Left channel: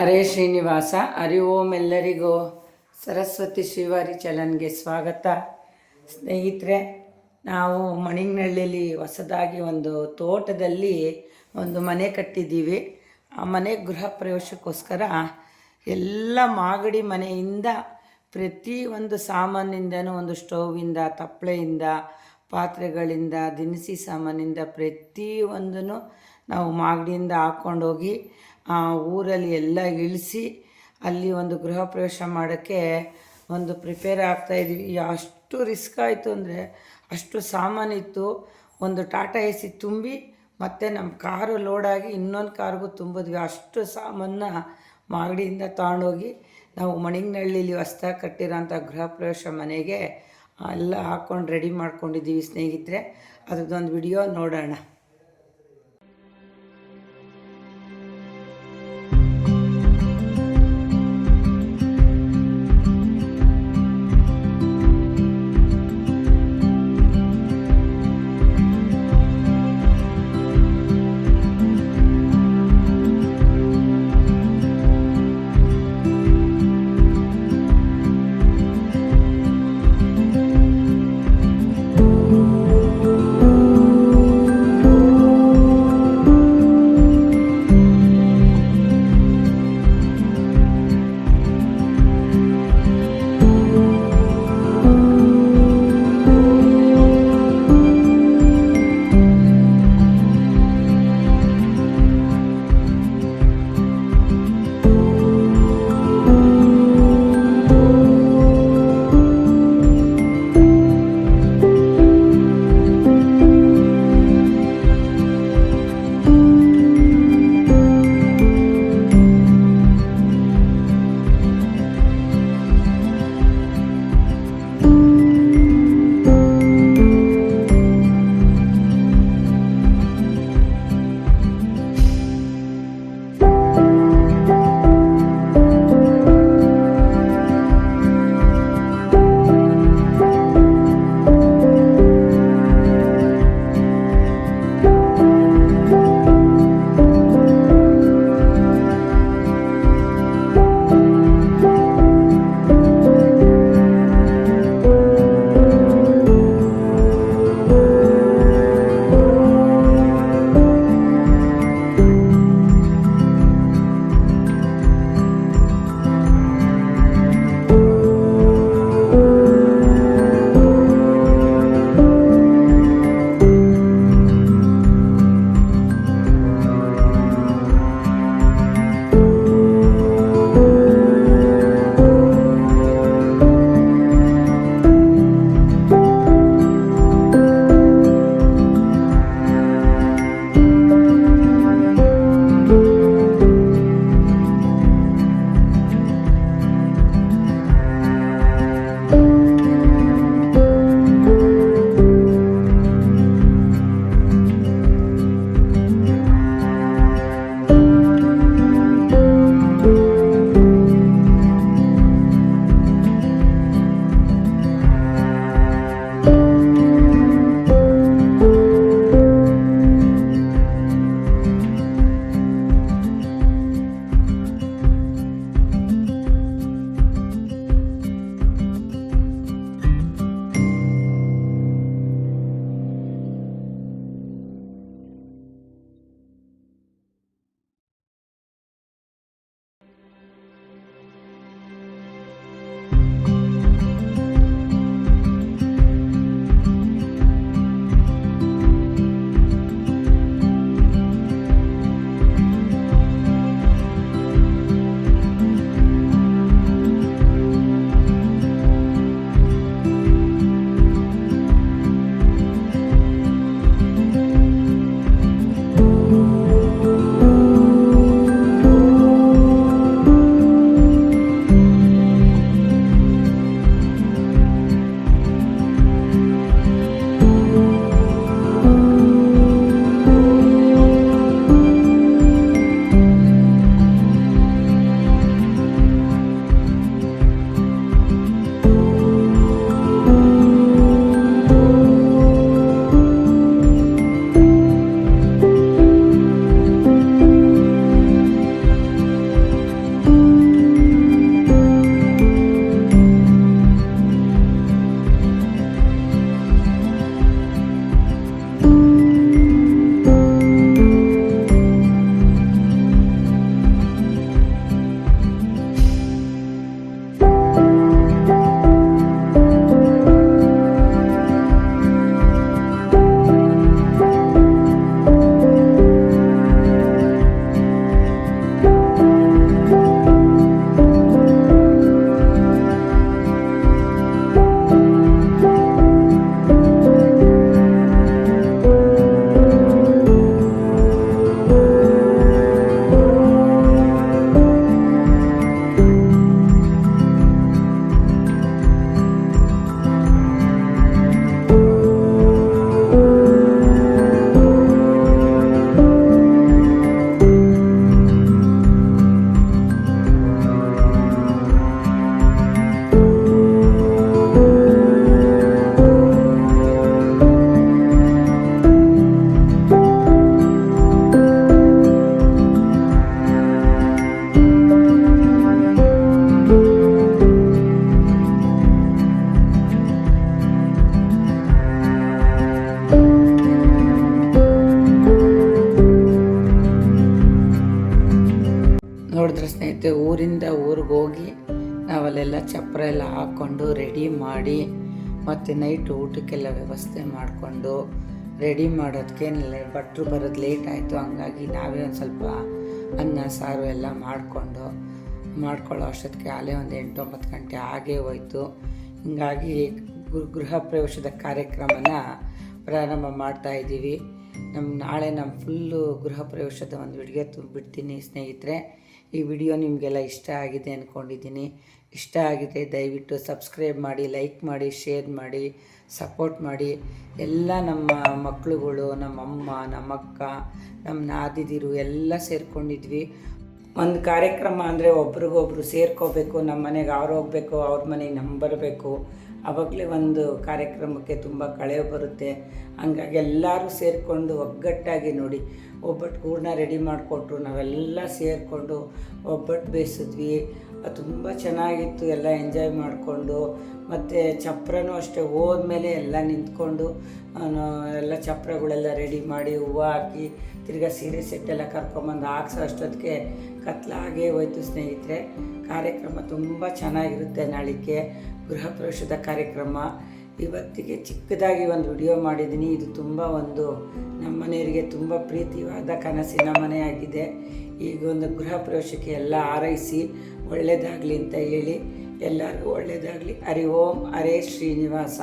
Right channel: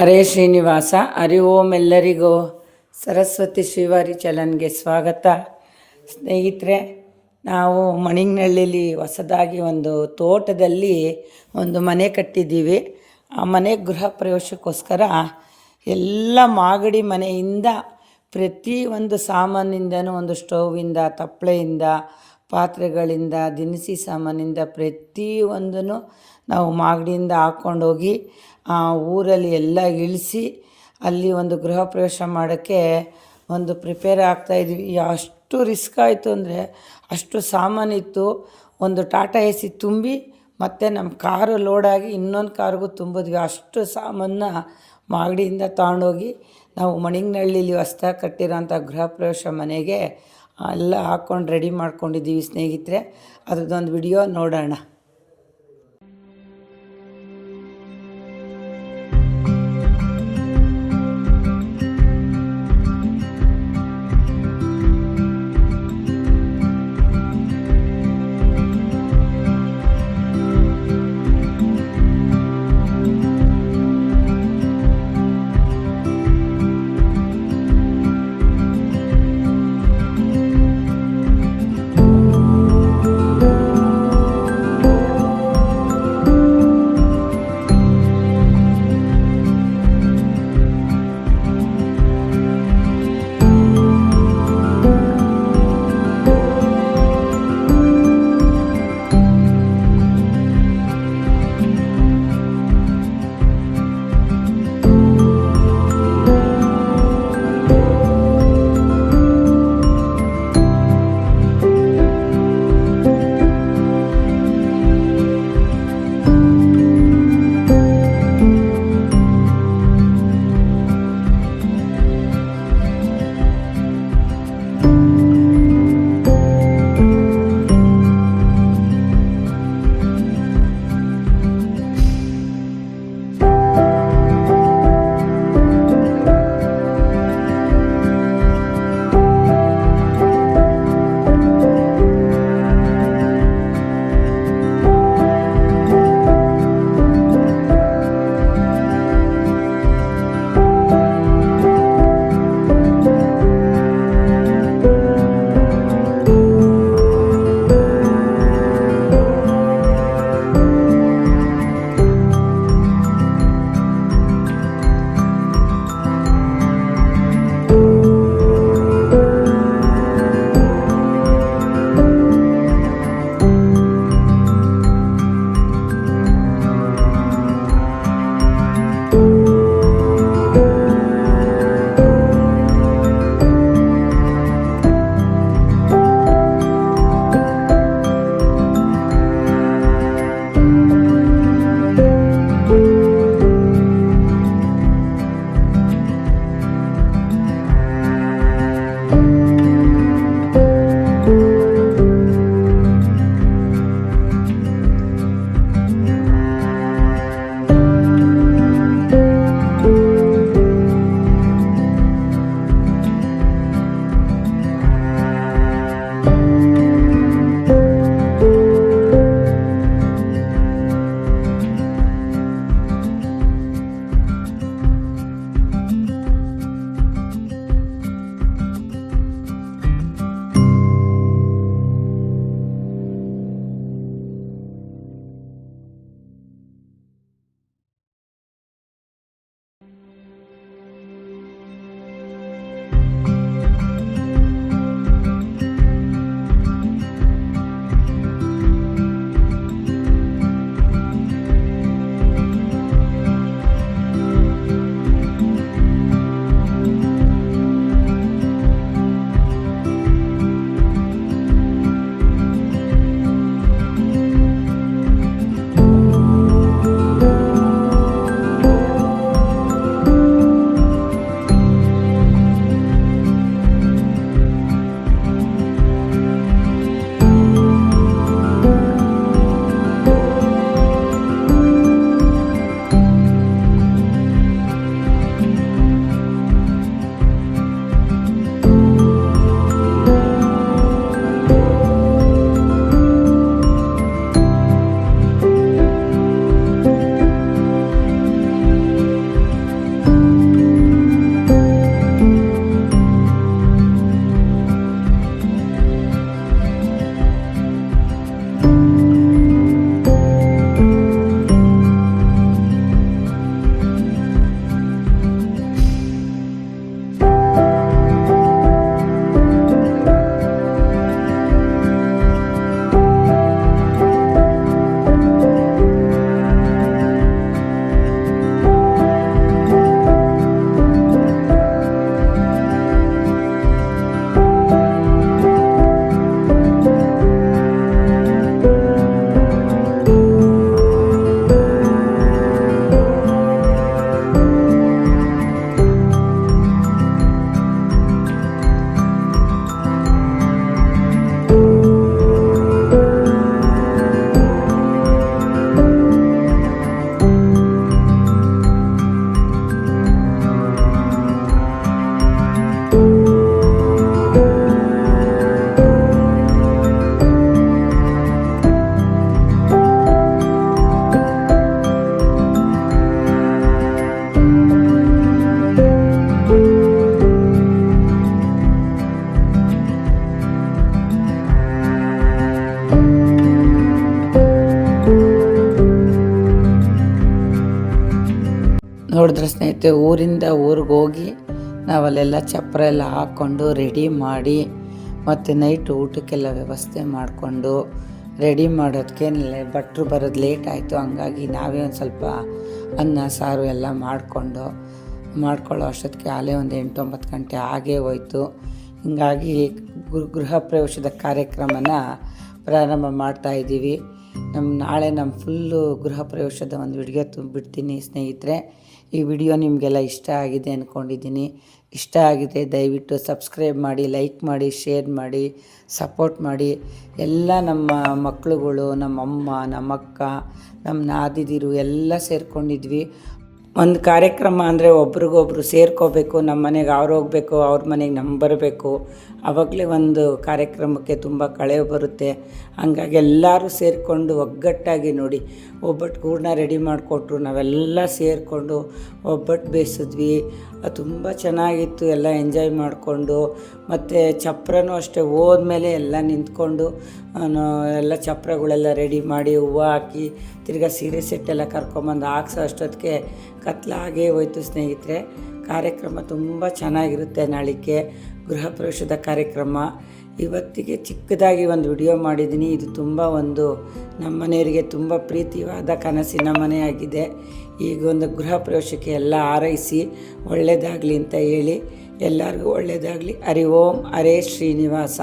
ಹರೇ ಶ್ರೀನಿವಾಸ. ಹರಿ ಓಂ. ಎಲ್ಲರಿಗೂ ಸರಸ್ವತಿ ಶ್ರೀವಾರಿ ಚಲನ್ಗೆ ಸ್ವಾಗತ. ಸ್ನೇಹಿತರೆ, ನಾವು ಮಣಿಗ್ನಳ್ಳಿಲಿ ಹೊಸದಾಗಿ ಒಂದು ತೋಟದಲ್ಲಿ ಒಂದು ಮನೆ ಕಟ್ಟಿದ್ದೀವಿ. ಆ ಮನೆ ಗೃಹ ಪ್ರವೇಶಕ್ಕೋಸ್ಕರ ಎಲ್ಲ ಮಾಗಡಿ ಮನೆಯಿಂದ ಪ್ರತಿ ಒಂದು ಸಾಮಾನಿಂದನೂ, ಒಂದು ಸ್ಟೌವಿಂದ, ತಪ್ಪಲೆಯಿಂದ, ಪಾತ್ರೆಗಳಿಂದ, ದಿನಸಿ ಸಾಮಾನಿಂದ ಪ್ರತಿಯೊಂದನ್ನು ನಾವು ಮಾಗಡಿಯಿಂದ ಹಾಕ್ಕೊಂಡೋಗಿ ಊರಲ್ಲಿ ಎಲ್ಲ ಇಳಿಸಿ ಅಲ್ಲಿ ಒಂದು ಗೃಹ ಪ್ರವೇಶ ಮಾಡೋಕ್ಕೆ ಒಂದು ಪ್ರಿಪೇರ್ ಆಗ್ತಾಯಿದ್ವಿ. ಅಷ್ಟು ರಿಸ್ಕ್ ಆಯಿತು ಅಂದರೆ ಅಷ್ಟು ಸಾಮಾನಿತ್ತು. ಒಂದು ಟಾಟಾ ಎ ಸಿ ತುಂಬಿ ಮತ್ತು ನಮ್ಮ ಕಾರು ಲೋಡಾಗಿ ಇನ್ನೊಂದು ಕಾರ್ಗೂ ತುಂಬಿದ್ವಿ. ಅಷ್ಟು ಸಾಮಾನನ್ನ ಮಾಗಡಿಯಿಂದ ತಗೊಂಡೋಗಿ ನಾವು ಮಣಿಗ್ನಳ್ಳಿಲಿ ಹೊಸ್ದಾಗಿ ಕಟ್ಟಿರೋಂಥ ಗೃಹ ಪ್ರವೇಶ ಮನೆಗೆ ಎಲ್ಲ ಹಾಕ್ಕೊಂಡು ರೆಡಿ ಮಾಡ್ಕೊಂಡಿದ್ದೀವಿ ಸ್ನೇಹಿತರೆ. ಅದ್ರದ್ದೊಂದು ವಿಡಿಯೋ ನೋಡೋಣ. ನೋಡಿದ್ರೆ ಸ್ನೇಹಿತರೆ, ಊರಿಂದ ಊರಿಗೆ ಹೋಗಿ ನಾವಲ್ಲೆಲ್ಲ ಚಪ್ಪರ ಎಲ್ಲ ಹಾಕ್ಕೊಂಡು ರೆಡಿ ಮಾಡಿ ಮತ್ತು ನೈಟ್ ಊಟಕ್ಕೆಲ್ಲ ವ್ಯವಸ್ಥೆ ಮಾಡಿಕೊಂಡು ರೆಡಿ ಮಾಡೋದಕ್ಕೆ ಭಟ್ರು ಬರೋದು ಲೇಟ್ ಆಯಿತು. ಹಂಗಾಗಿ ನಾವೇ ಒಂದು ಸ್ವಲ್ಪ ಅನ್ನ ಸಾರು ಎಲ್ಲ ಮಾಡ್ಕೊಳ್ಳೋ ಅಷ್ಟೊತ್ತಿಗೆ ಆಲೇ ಒಂದು 8-9 ಗಂಟೆ ಆಗೇ ಹೋಯ್ತು. ಹೀಗಾಗಿ ಗೃಹ ಪ್ರವೇಶದ ಕಾರ್ಯಕ್ರಮನ ಪ್ರಾರಂಭ ಮಾಡ್ತಾಯಿದ್ದೀವಿ. ನಾಳೆ ನಮ್ಮ ಫುಲ್ಲು ಗೃಹ ಪ್ರವೇಶದ ಒಂದು ವಿಡಿಯೋ ಬಿಡ್ತೀನಿ ಸ್ನೇಹಿತರೆ. ಈ ವಿಡಿಯೋ ನಿಮಗೆಲ್ಲ ಇಷ್ಟ ಆಗಿದೆ ಅಂದ್ಕೊಂಡಿದ್ದೀನಿ. ಇಷ್ಟ ಆಗಿದೆ ದಯವಿಟ್ಟು ಸಬ್ಸ್ಕ್ರೈಬ್ ಮಾಡಿ, ಲೈಕ್ ಮಾಡಿ, ಶೇರ್ ಮಾಡಿ, ಸಪೋರ್ಟ್ ಮಾಡಿ. ಎಲ್ಲ ನಮ್ಮ ಮಕ್ಕಳುಗಳು, ನಮ್ಮಮ್ಮ, ನಮ್ಮಕ್ಕ, ನಮ್ಮ ನಾದಿದಿರು ಎಲ್ಲ ಸೇರ್ಕೊಂಡಿದ್ವಿ. ಒಂದು ಕಾರ್ಯಕ್ರಮ ಅಂದರೆ ಒಬ್ರಿಗೊಬ್ರು ಸೇರ್ಕೋಬೇಕು. ನಮ್ಮ ಮನೆಗೆ ಅವ್ರು ಹೋಗಬೇಕು, ಅವ್ರ ಮನೆಗೆ ನಮ್ಮ ಬರಬೇಕು. ಆವಾಗಲೇ ಒಂದು ಕಾರ್ಯಕ್ರಮಕ್ಕೆ ತುಂಬ ಕಳೆ ಬರುತ್ತೆ. ಹಂಗಾಗಿ ಎಲ್ಲರೂ ಸೇರಿಕೊಂಡು ಒಗ್ಗಟ್ಟಾಗಿ ನೋಡಿ ಒಬ್ಬಟ್ಟು ಹೂರಣ ರೆಡಿ ಮಾಡಿಕೊಟ್ರು. ನಾವೆಲ್ಲ ಸೇರಿಕೊಂಡು ಒಬ್ಬಟ್ಟು ಬೇಯಿಸಿದ್ವಿ. ತುಂಬ ಚೆನ್ನಾಗಿತ್ತು. ಎಲ್ಲ ಎಂಜಾಯ್ ಮಾಡಿಕೊಂಡು ಮತ್ತು ಚಪ್ರನೂ ಅಷ್ಟೇ ಹೋದ್ಮೇಲೆ ಎಲ್ಲ ನಿಂತ್ಕೊಂಡು ಎಲ್ಲ ಚಪ್ರಗಳೆಲ್ಲ ರೆಡಿ ಮಾಡಿ ಹೂವು ಹಾಕಿ ತಿರ್ಗಾ ಸೀರೆ ಸೆಟ್ಟೆಲ್ಲ ಕರ್ಕೊಂಬಂದು ಹಾಕ್ಸೋ ಅಷ್ಟೊತ್ತಿಗೆ ಕತ್ಲಾಗೇ ಹೋಯ್ತು ಸ್ನೇಹಿತರೆ. ಕಾರ್ಯಕ್ರಮ ತುಂಬ ಚೆನ್ನಾಗಿರುತ್ತೆ. ನಾಳಿಕೆ ಗೃಹ ಪ್ರವೇಶದ ಕಾರ್ಯಕ್ರಮ. ಇವತ್ತಿಗೆ ಚಿಕ್ಕದಾಗಿ ಒಂದು ವಿಡಿಯೋ ಮಾಡಿದ್ದೀನಿ. ಇದು ತುಂಬ ನಮ್ಮ ಮನೆಯವರಿಗೆ ತುಂಬ ಪ್ರೀತಿಯಾದ ಕನಸಿನ ಮನೆಯಾಗಿದೆ. ಈಗ ಒಂದು ಗೃಹ ಪ್ರವೇಶಕ್ಕೆ ಎಲ್ಲ ಹಾರೈಸಿ ಒಳ್ಳೆಯದಾಗಲಿ ಅಂತ ಹೇಳಿ ಎಲ್ಲರಿಗೂ ಒಳ್ಳೆಯದಾಗಲಿ. ಹರಿ ಓಂ ಹರೇ ಶ್ರೀನಿವಾಸ.